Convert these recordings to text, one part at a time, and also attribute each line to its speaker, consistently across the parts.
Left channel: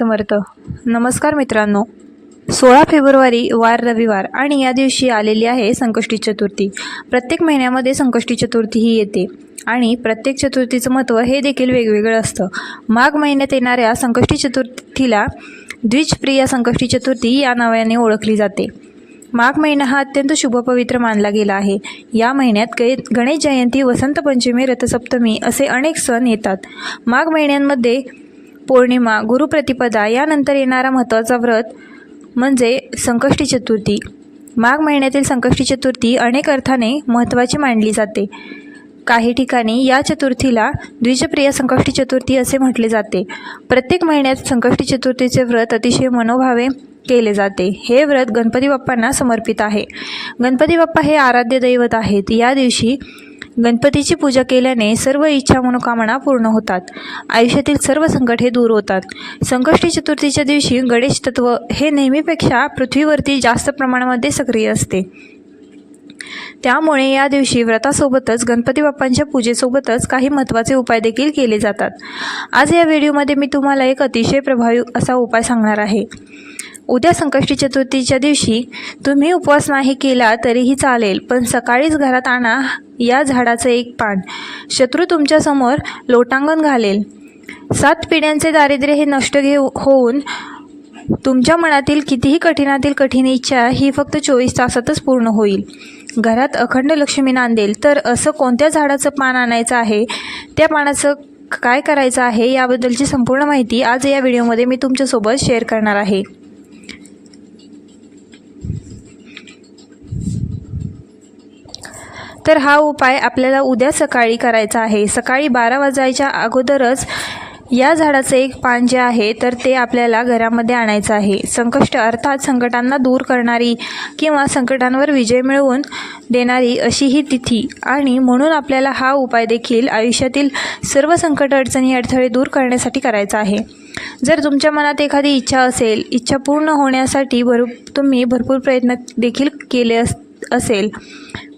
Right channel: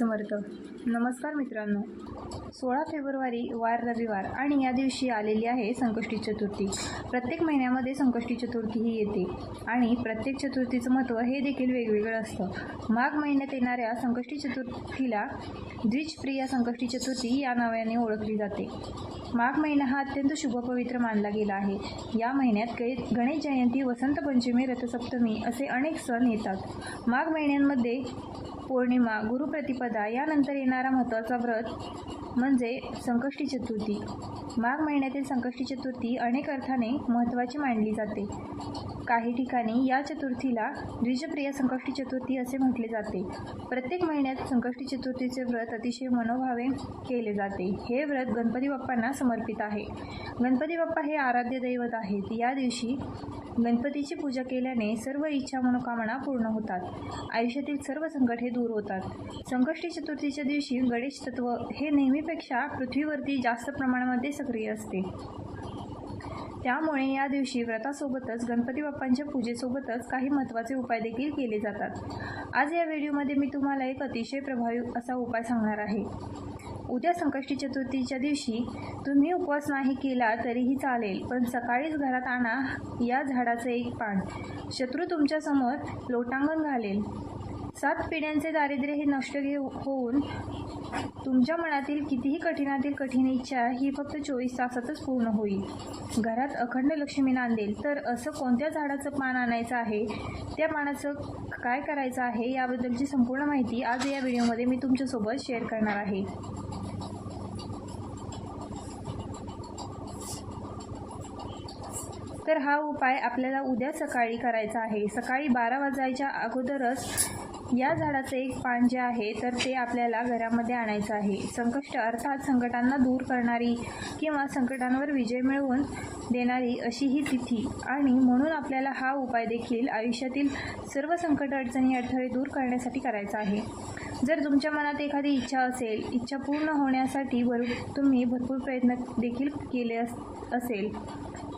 Speaker 1: समर्थ. नमस्कार मित्रांनो. सोळा फेब्रुवारी वार रविवार आणि या दिवशी आलेली आहे संकष्टी चतुर्थी. प्रत्येक महिन्यामध्ये संकष्टी चतुर्थी ही येते आणि प्रत्येक चतुर्थीचं महत्त्व हे देखील वेगवेगळं असतं. माघ महिन्यात येणाऱ्या संकष्टी चतुर्थीला द्विजप्रिया संकष्टी चतुर्थी या नावाने ओळखली जाते. माघ महिना हा अत्यंत शुभपवित्र मानला गेला आहे. या महिन्यात गे गणेश जयंती वसंत पंचमी रथसप्तमी असे अनेक सण येतात. माघ महिन्यांमध्ये पौर्णिमा गुरुप्रतिपदा यानंतर येणारा महत्त्वाचा व्रत म्हणजे संकष्टी चतुर्थी. माघ महिन्यातील संकष्टी चतुर्थी अनेक अर्थाने महत्त्वाची मानली जाते. काही ठिकाणी या चतुर्थीला द्विजप्रिय संकष्टी चतुर्थी असे म्हटले जाते. प्रत्येक महिन्यात संकष्टी चतुर्थीचे व्रत अतिशय मनोभावे केले जाते. हे व्रत गणपती बाप्पांना समर्पित आहे. गणपती बाप्पा हे आराध्य दैवत आहेत. या दिवशी गणपतीची पूजा केल्याने सर्व इच्छा मनोकामना पूर्ण होतात. आयुष्यातील सर्व संकट हे दूर होतात. संकष्टी चतुर्थीच्या दिवशी गणेश तत्व हे नेहमीपेक्षा पृथ्वीवरती जास्त प्रमाणामध्ये सक्रिय असते. त्यामुळे या दिवशी व्रतासोबतच गणपती बाप्पांच्या पूजेसोबतच काही महत्त्वाचे उपाय देखील केले जातात. आज या व्हिडिओमध्ये मी तुम्हाला एक अतिशय प्रभावी असा उपाय सांगणार आहे. उद्या संकष्टी चतुर्थीच्या दिवशी तुम्ही उपवास नाही केला तरीही चालेल पण सकाळीच घरात आणा या झाडाचं एक पान. शत्रू तुमच्यासमोर लोटांगण घालेल. सात पिढ्यांचे दारिद्र्य हे नष्ट घेऊ होऊन तुमच्या मनातील कितीही कठीणातील कठीण इच्छा ही फक्त चोवीस तासातच पूर्ण होईल. घरात अखंड लक्ष्मी नांदेल तर असं कोणत्या झाडाचं पान आणायचं आहे? त्या पानाचं काय करायचं आहे याबद्दलची संपूर्ण माहिती आज या व्हिडिओमध्ये मी तुमच्यासोबत शेअर करणार आहे. तर हा उपाय आपल्याला उद्या सकाळी करायचा आहे. सकाळी बारा वाजायच्या अगोदरच या झाडाचं एक पान जे आहे तर ते आपल्याला घरामध्ये आणायचं आहे. संकष्ट अर्थात संकटांना दूर करणारी किंवा संकटांवर विजय मिळवून देणारी अशी ही तिथी. आणि म्हणून आपल्याला हा उपाय देखील आयुष्यातील सर्व संकट अडचणी अडथळे दूर करण्यासाठी करायचा आहे. जर तुमच्या मनात एखादी इच्छा असेल इच्छा पूर्ण होण्यासाठी भरू तुम्ही भरपूर प्रयत्न देखील केले अस असेल.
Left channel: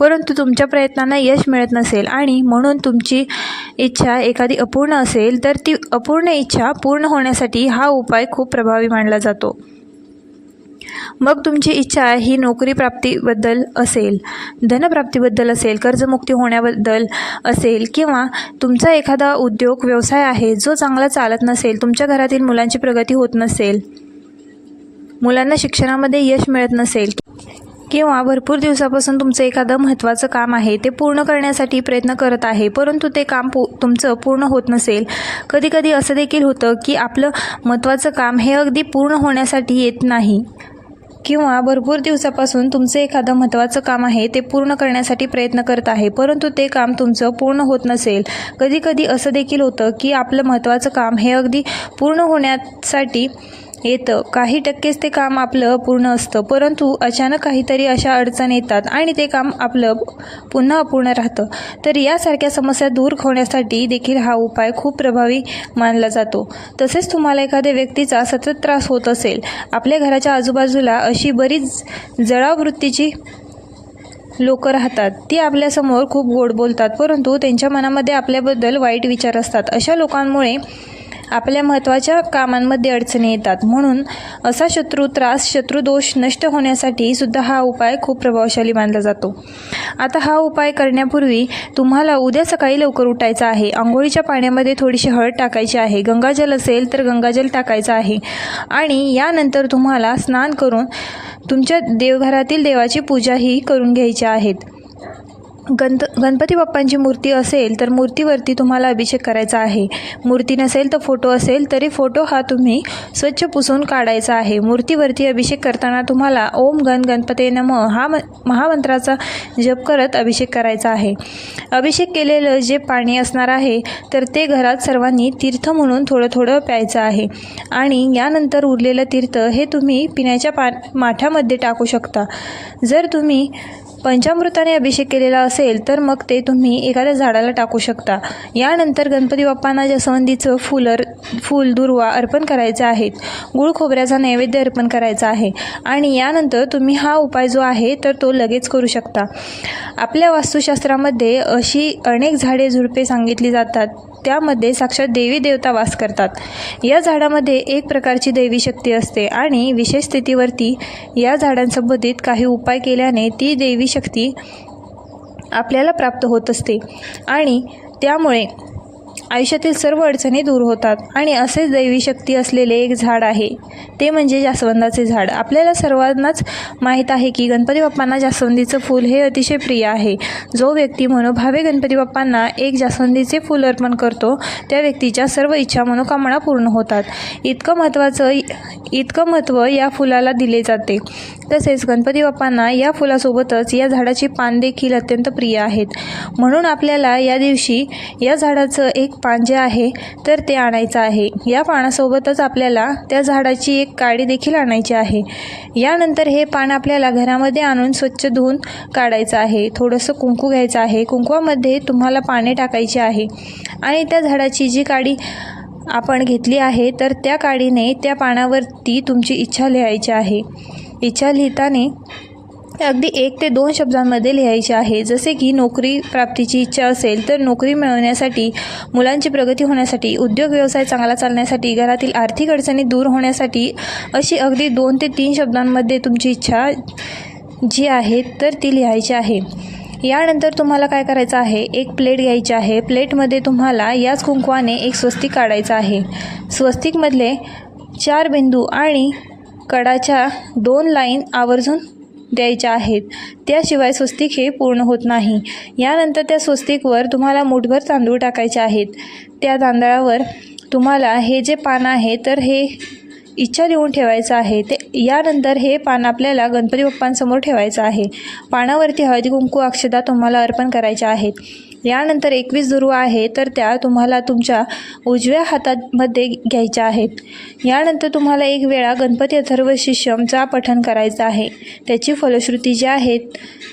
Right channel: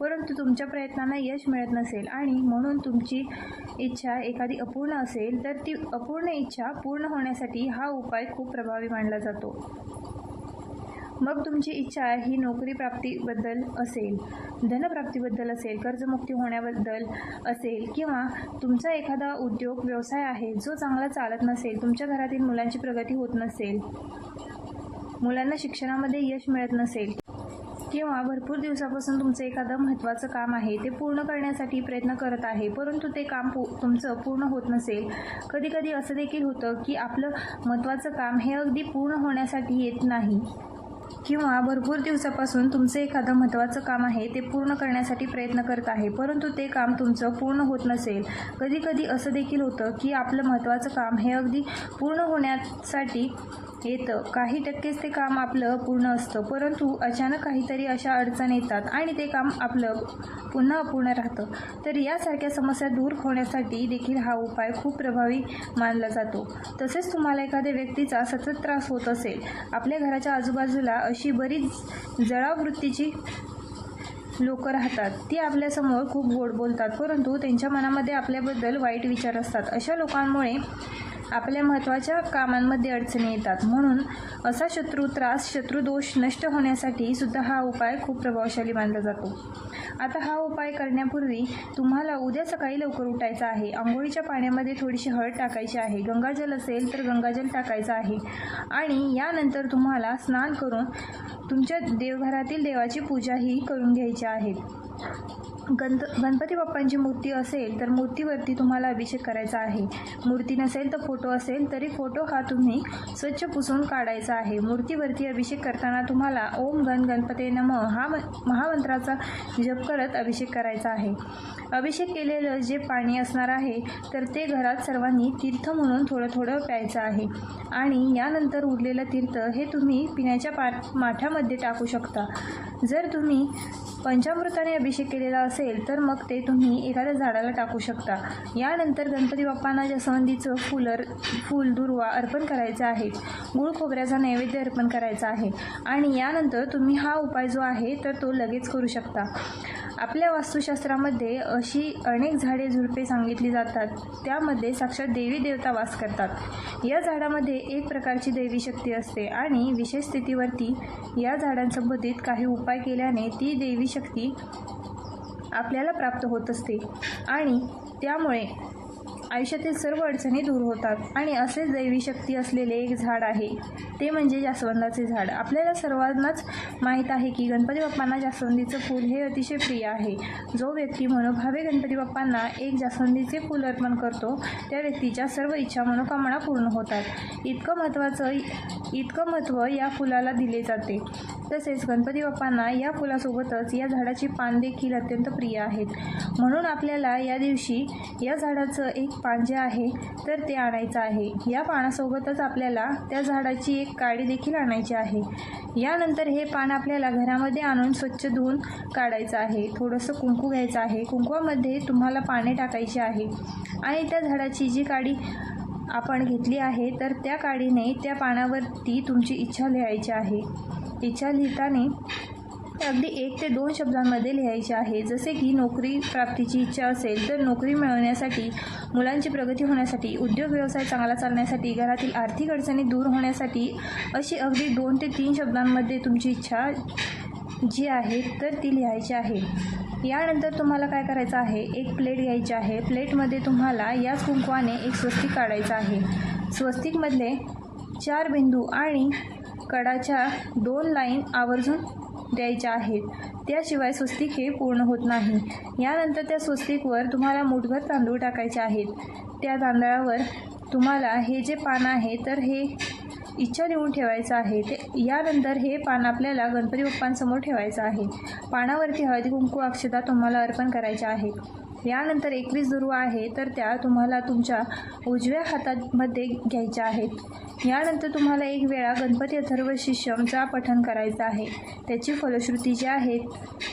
Speaker 1: परंतु तुमच्या प्रयत्नांना यश मिळत नसेल आणि म्हणून तुमची इच्छा एखादी अपूर्ण असेल तर ती अपूर्ण इच्छा पूर्ण होण्यासाठी हा उपाय खूप प्रभावी मानला जातो. मग तुमची इच्छा ही नोकरी प्राप्तीबद्दल असेल धनप्राप्तीबद्दल असेल कर्जमुक्ती होण्याबद्दल असेल किंवा तुमचा एखादा उद्योग व्यवसाय आहे जो चांगला चालत नसेल तुमच्या घरातील मुलांची प्रगती होत नसेल मुलांना शिक्षणामध्ये यश मिळत नसेल किंवा भरपूर दिवसापासून तुमचं एखादं महत्त्वाचं काम आहे ते पूर्ण करण्यासाठी प्रयत्न करत आहे परंतु ते काम पू तुमचं पूर्ण होत नसेल. कधीकधी असं देखील होतं की आपलं महत्त्वाचं काम हे अगदी पूर्ण होण्यासाठी येत नाही. किंवा भरपूर दिवसापासून तुमचं एखादं महत्त्वाचं काम आहे ते पूर्ण करण्यासाठी प्रयत्न करत आहे परंतु ते काम तुमचं पूर्ण होत नसेल. कधीकधी असं देखील होतं की आपलं महत्त्वाचं काम हे अगदी पूर्ण होण्यासाठी येतं. काही टक्केच ते काम आपलं पूर्ण असतं. परंतु अचानक काहीतरी अशा अडचण येतात आणि ते काम आपलं पुन्हा अपूर्ण राहतं. तर यासारख्या समस्या दूर होण्यासाठी देखील हा उपाय खूप प्रभावी मानला जातो. तसेच तुम्हाला एखाद्या व्यक्तीचा सतत त्रास होत असेल आपल्या घराच्या आजूबाजूला अशी बरीच जळाव वृत्तीची लोक राहतात. ती आपल्यासमोर खूप गोड बोलतात परंतु त्यांच्या मनामध्ये आपल्याबद्दल वाईट विचार असतात. अशा लोकांमुळे आपल्या महत्त्वाच्या कामांमध्ये अडचणी येतात. म्हणून असा शत्रू त्रास शत्रुदोष नष्ट होण्यासाठी सुद्धा हा उपाय खूप प्रभावशाली मानला जातो. आता हा उपाय करण्यापूर्वी तुम्हाला उद्या सकाळी लवकर उठायचं आहे. आंघोळीच्या पाण्यामध्ये थोडीशी हळद टाकायची आहे. गंगाजल असेल तर गंगाजल टाकायचं आहे. आणि यानंतर तुम्हाला स्नान करून तुमच्या देवघरातील देवाची पूजाही करून घ्यायची आहेत. गणत गणपती बाप्पांची मूर्ती असेल तर मूर्तीवरती तुम्हाला अभिषेक करायचा आहे. मूर्ती नसेल तर फोटो असेल तरी फोटो हा तुम्ही स्वच्छ पुसून काढायचा आहे. मूर्तीवरती अभिषेक करताना तुम्हाला ओम गण गणपते नम हा म महामंत्राचा जप करत अभिषेक करायचा आहे. अभिषेक केलेलं जे पाणी असणार आहे तर ते घरात सर्वांनी तीर्थ म्हणून थोडं थोडं प्यायचं आहे. आणि यानंतर उरलेलं तीर्थ हे तुम्ही पिण्याच्या पा माठामध्ये टाकू शकता. जर तुम्ही पंचामृताने अभिषेक केलेला असेल तर मग ते तुम्ही एखाद्या झाडाला टाकू शकता. यानंतर गणपती बाप्पांना जास्वंदीचं फुलर फूल दुर्वा अर्पण करायचे आहेत गुळ खोबऱ्याचा नैवेद्य अर्पण करायचा आहे. आणि यानंतर तुम्ही हा उपाय जो आहे तर तो लगेच करू शकता. आपल्या वास्तुशास्त्रामध्ये अशी अनेक झाडे झुडपे सांगितली जातात. त्यामध्ये साक्षात देवी देवता वास करतात. या झाडामध्ये एक प्रकारची दैवी शक्ती असते आणि विशेष स्थितीवरती या झाडांसंबंधित काही उपाय केल्याने ती देवी शक्ती आपल्याला प्राप्त होत असते. आणि त्यामुळे आयुष्यातील सर्व अडचणी दूर होतात. आणि असेच दैवी शक्ती असलेले एक झाड आहे. ते म्हणजे जास्वंदाचे झाड. आपल्याला सर्वांनाच माहीत आहे की गणपती बाप्पांना जास्वंदीचं फूल हे अतिशय प्रिय आहे. जो व्यक्ती मनोभावे गणपती बाप्पांना एक जास्वंदीचे फूल अर्पण करतो त्या व्यक्तीच्या सर्व इच्छा मनोकामना पूर्ण होतात. इतकं महत्त्वाचं इतकं महत्त्व या फुलाला दिले जाते. तसेच गणपती बाप्पांना या फुलासोबतच या झाडाची पान देखील अत्यंत प्रिय आहेत. म्हणून आपल्याला या दिवशी या झाडाचं एक पान जे आहे तर ते आणायचं आहे. या पानासोबतच आपल्याला त्या झाडाची एक काडी देखील आणायची आहे. यानंतर हे पान आपल्याला घरामध्ये आणून स्वच्छ धुवून काढायचं आहे. थोडंसं कुंकू घ्यायचं आहे. कुंकवामध्ये तुम्हाला पाने टाकायची आहे. आणि त्या झाडाची जी काडी आपण घेतली आहे तर त्या काडीने त्या पानावरती तुमची इच्छा लिहायची आहे. इच्छा लिहिताने अगदी एक ते दोन शब्दांमध्ये लिहायचे आहे. जसे की नोकरी प्राप्तीची इच्छा असेल तर नोकरी मिळवण्यासाठी मुलांची प्रगती होण्यासाठी उद्योग व्यवसाय चांगला चालण्यासाठी घरातील आर्थिक अडचणी दूर होण्यासाठी अशी अगदी दोन ते तीन शब्दांमध्ये तुमची इच्छा जी आहे तर ती लिहायची आहे. यानंतर तुम्हाला काय करायचं आहे? एक प्लेट घ्यायची आहे. प्लेटमध्ये तुम्हाला याच कुंकवाने एक स्वस्तिक काढायचं आहे. स्वस्तिकमधले चार बिंदू आणि कडाच्या दोन लाईन आवर्जून द्यायच्या आहेत. त्याशिवाय स्वस्तिक हे पूर्ण होत नाही. यानंतर त्या स्वस्तिकवर तुम्हाला मुठभर तांदूळ टाकायचे आहेत. त्या तांदळावर तुम्हाला हे जे पान आहे तर हे इच्छा लिहून ठेवायचं आहे. ते यानंतर हे पान आपल्याला गणपती बाप्पांसमोर ठेवायचं आहे. पानावरती हळदी कुंकू अक्षदा तुम्हाला अर्पण करायच्या आहेत. यानंतर एकवीस दुर्वा आहे तर त्या तुम्हाला तुमच्या उजव्या हातामध्ये घ्यायच्या आहेत. यानंतर तुम्हाला एक वेळा गणपती अथर्व शिष्यमचा पठण करायचं आहे. त्याची फलश्रुती जी आहेत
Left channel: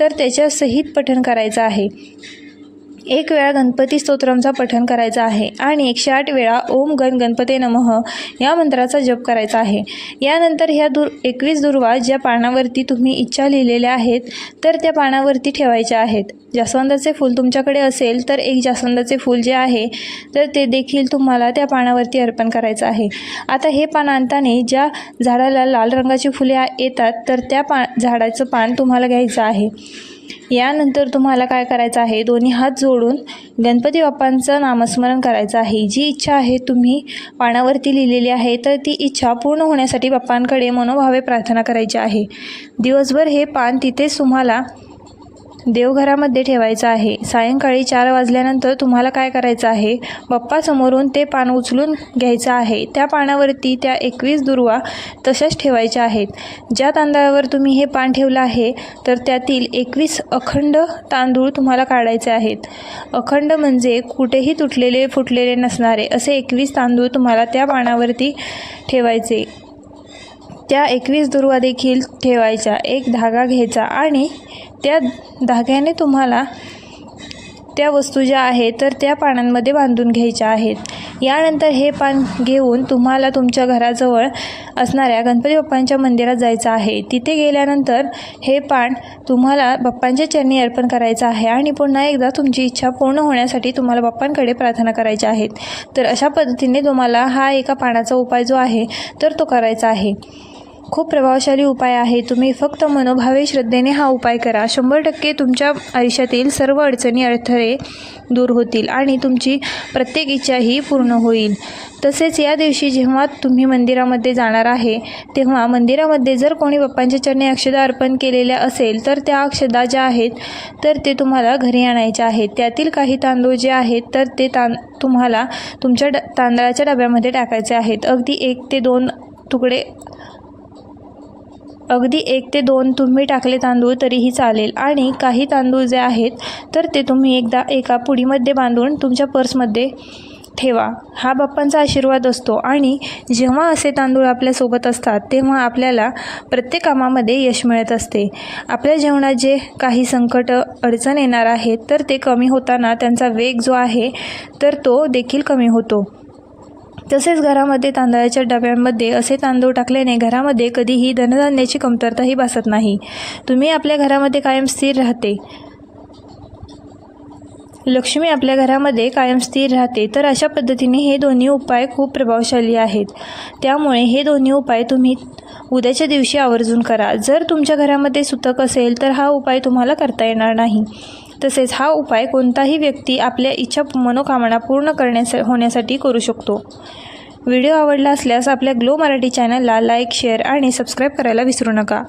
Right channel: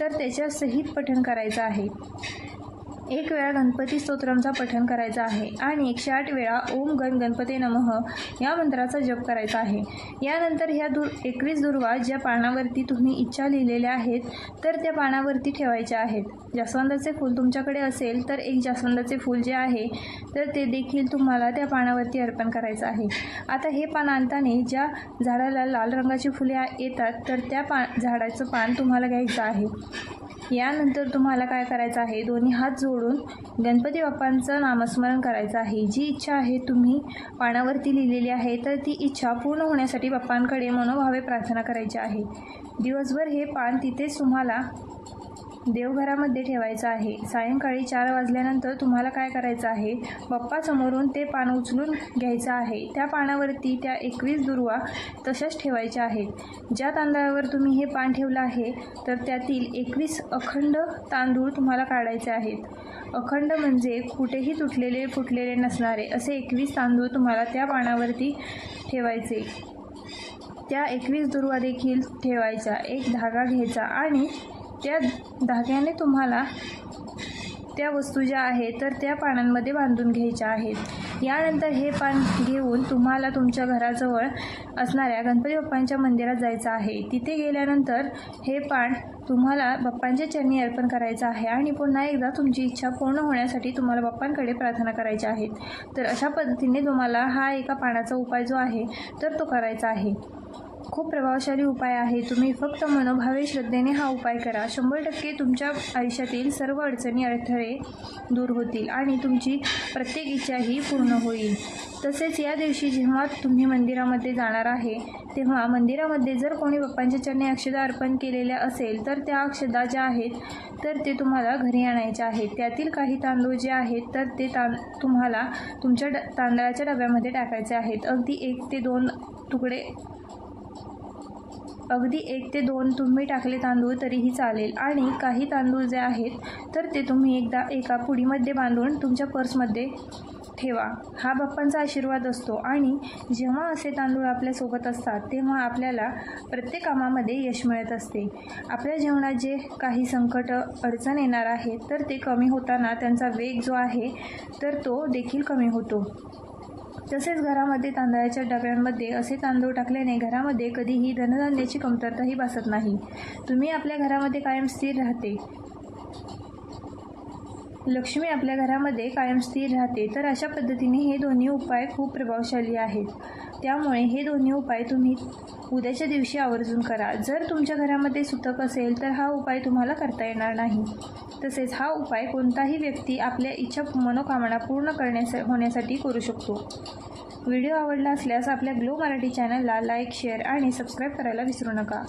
Speaker 1: तर त्याच्यासहित पठण करायचं आहे. एक वेळा गणपती स्तोत्रमचा पठण करायचा आहे आणि एकशे आठ वेळा ओम गण गणपते नमः या मंत्राचा जप करायचा आहे. यानंतर ह्या दूर एकवीस दुर्वा ज्या पानावरती तुम्ही इच्छा लिहिलेल्या आहेत तर त्या पानावरती ठेवायच्या आहेत. जास्वंदाचे फूल तुमच्याकडे असेल तर एक जास्वंदाचे फूल जे आहे तर ते देखील तुम्हाला त्या पानावरती अर्पण करायचं आहे. आता हे पान आणताना ज्या झाडाला लाल रंगाची फुले येतात तर त्या पा झाडाचं पान तुम्हाला घ्यायचं आहे. यानंतर तुम्हाला काय करायचं आहे? दोन्ही हात जोडून गणपती बाप्पांचं नामस्मरण करायचं आहे. जी इच्छा आहे तुम्ही पानावरती लिहिलेली आहे तर ती इच्छा पूर्ण होण्यासाठी बाप्पांकडे मनोभावे प्रार्थना करायची आहे. दिवसभर हे पान तिथेच तुम्हाला देवघरामध्ये ठेवायचं आहे. सायंकाळी चार वाजल्यानंतर तुम्हाला काय करायचं आहे? बाप्पासमोरून ते पान उचलून घ्यायचं आहे. त्या पानावरती त्या एकवीस दुर्वा तशाच ठेवायच्या आहेत. ज्या तांदळावर तुम्ही हे पान ठेवलं आहे तर त्यातील एकवीस अखंड तांदूळ तुम्हाला काढायचे आहेत. अखंड म्हणजे कुठेही तुटलेले फुटलेले नसणारे असे एकवीस तांदूळ तुम्हाला त्या पानावरती ठेवायचे. त्या एकवीस दुर्वा देखील ठेवायच्या. एक धागा घ्यायचा आणि त्या धाग्याने तुम्हाला त्या वस्तू ज्या आहेत तर त्या पानांमध्ये बांधून घ्यायच्या आहेत. यानंतर हे पान घेऊन तुम्हाला तुमच्या घराजवळ असणाऱ्या गणपती बाप्पांच्या मंदिरात जायचं आहे. तिथे गेल्यानंतर हे पान तुम्हाला बाप्पांच्या चरणी अर्पण करायचं आहे आणि पुन्हा एकदा तुमची इच्छा पूर्ण होण्यासाठी तुम्हाला बाप्पांकडे प्रार्थना करायच्या आहेत तर अशा पद्धतीने तुम्हाला हा एका पानाचा उपाय जो आहे तर तो करायचा आहे. खूप प्रभावशाली उपाय आहे. तुम्ही फक्त मनोभावे श्रद्धेने हा उपाय करा. शंभर टक्के तुमच्या आयुष्यातील सर्व अडचणी अडथळे दूर होतील आणि तुमची प्रत्येक इच्छाही पूर्ण होईल. तसेच या दिवशी जेव्हा तुम्ही मंदिरामध्ये जाणार आहे तेव्हा मंदिरामध्ये जर कोणी बाप्पांच्या चरणी अक्षदा अर्पण केलेल्या असेल तर त्या अक्षदा ज्या आहेत तर ते तुम्हाला घरी आणायच्या आहेत. त्यातील काही तांदूळ जे आहेत तर ते तां तुम्हाला तुमच्या ड तांदळाच्या डब्यामध्ये टाकायचे आहेत. अगदी एक ते दोन तुकडे अगदी एक ते दोन तुम्ही टाकले तांदूळ तरीही चालेल. आणि काही तांदूळ जे आहेत तर ते तुम्ही एकदा एका पुडीमध्ये बांधून तुमच्या पर्समध्ये ठेवा. हा बाप्पांचा आशीर्वाद असतो. आणि जेव्हा असे तांदूळ आपल्यासोबत असतात तेव्हा आपल्याला प्रत्येक कामामध्ये यश मिळत असते. आपल्या जीवनात जे काही संकट अडचण येणार आहेत तर ते कमी होताना त्यांचा वेग जो आहे तर तो देखील कमी होतो. तसेच घरामध्ये तांदळाच्या डब्यांमध्ये असे तांदूळ टाकल्याने घरामध्ये कधीही धनधान्याची कमतरताही भासत नाही. तुम्ही आपल्या घरामध्ये कायम स्थिर राहते. लक्ष्मी आपल्या घरामध्ये कायम स्थिर राहते. तर अशा पद्धतीने हे दोन्ही उपाय खूप प्रभावशाली आहेत. त्यामुळे हे दोन्ही उपाय तुम्ही उद्याच्या दिवशी आवर्जून करा. जर तुमच्या घरामध्ये सुतक असेल तर हा उपाय तुम्हाला करता येणार नाही. तसेच हा उपाय कोणताही व्यक्ती आपल्या इच्छा मनोकामना पूर्ण करण्यास होण्यासाठी करू शकतो. व्हिडिओ आवडला असल्यास आपल्या ग्लो मराठी चॅनलला लाईक शेअर आणि सबस्क्राईब करायला विसरू नका.